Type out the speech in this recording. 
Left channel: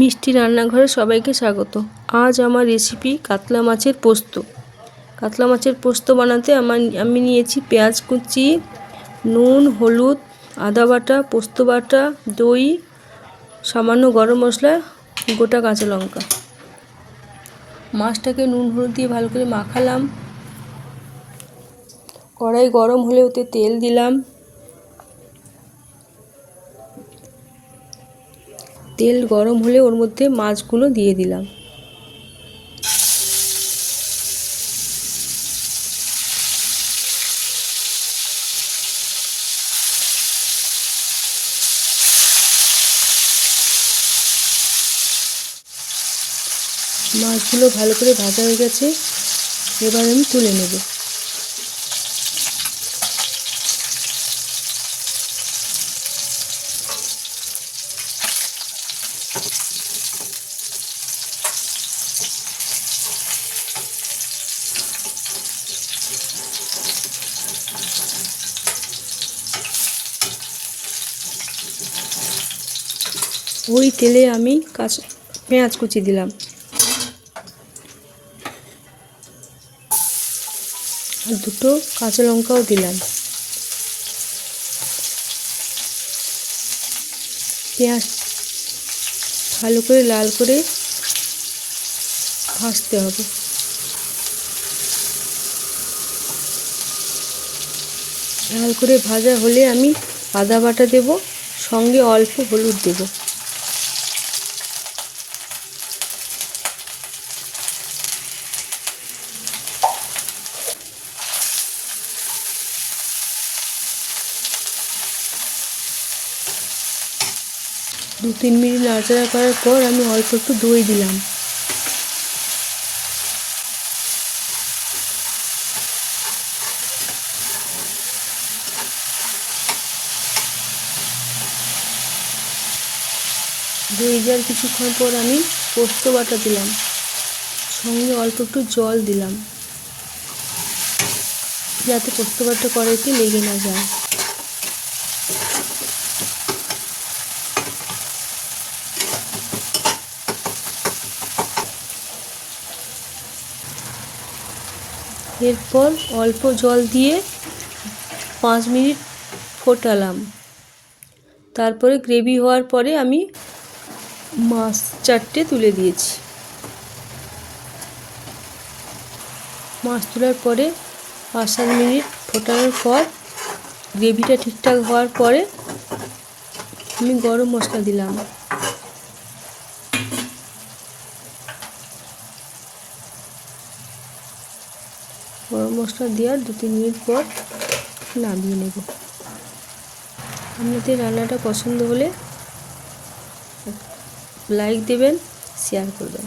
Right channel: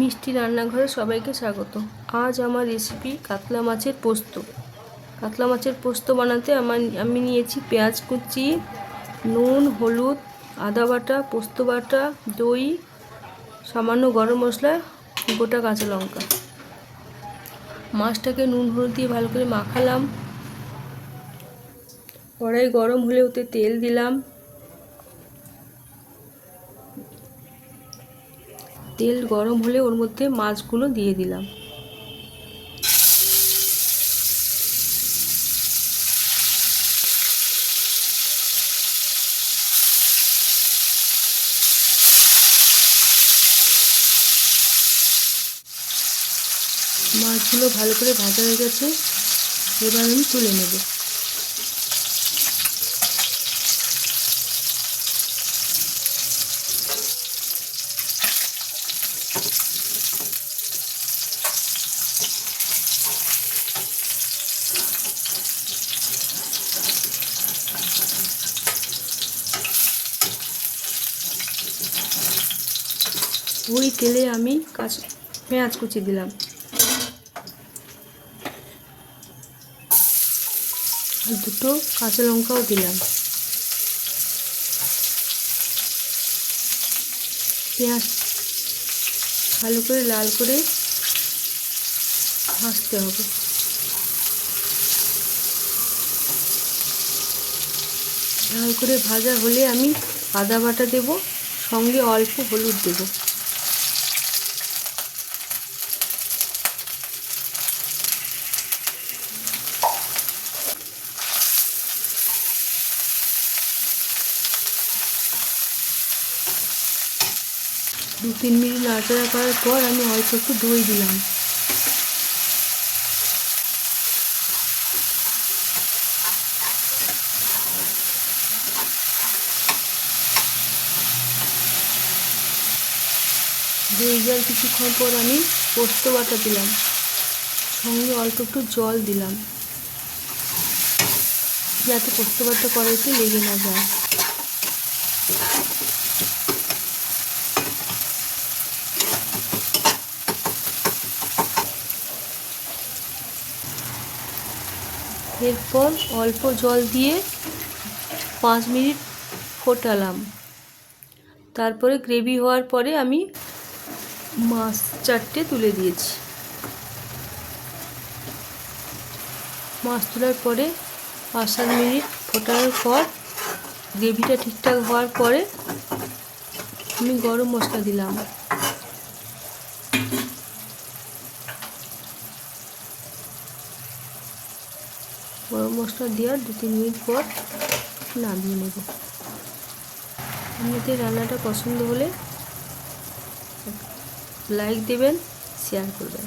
মিষ্টি রান্নাঘরে সবাইকে স্বাগত। আজ আমার রেসিপি কাতলা মাছের পোস্ত। কাতলা মাছের পোস্ত বানাতে আমি নিয়েছি পেঁয়াজ কুচি, নুন, হলুদ, আদা বাটা, পোস্ত বাটা, দই, সামান্য গরম মশলা, গোটা কাঁচা লঙ্কা। মাছটাকে নুন হলুদ দিয়ে ভালো করে মাখালাম। কড়াই গরম হলে ওতে তেল দিলাম। তেল গরম হলে ওর মধ্যে মাছগুলো দিয়ে দিলাম। মাছগুলো ভালো করে ভাজা হয়ে গেছে, এবার আমি তুলে নেব। ওই তেলে আমি পেঁয়াজ কুচি দিলাম আর দুটো কাঁচা লঙ্কাও দিলাম। পেঁয়াজ ভালো করে লাল করে ভাজতে হবে। লাল করে ভাজা হলে আমি আদা বাটা দেব, সঙ্গে অল্প হলুদ দেব। দু তিন মিনিট নাড়াচাড়া করার পর আমি অল্প একটু দই দিলাম। দই দেওয়ার কিছুক্ষণ পর আমি পোস্ত বাটা দিলাম, সঙ্গে অল্প একটু জল দিলাম যাতে পোস্ত বাটা কড়াইতে লেগে না যায়। এরপর অল্প জল দিয়ে 5 মিনিট ফোটালাম। তারপরে গ্রেভি হওয়ার পরে আমি মাছ 4টে তুলে দিয়েছি। মাছ তোলার পরে 5-7 মিনিট ফোটানোর পর গ্রেভিটা ঠিকঠাক হওয়ার পরে আমি গরম মশলা দিলাম। গরম মশলা দেওয়ার 2-3 মিনিট পর নামিয়ে নেব। আপনাদের রান্নাটা পছন্দ হলে লাইক দেবেন, শেয়ার করবেন।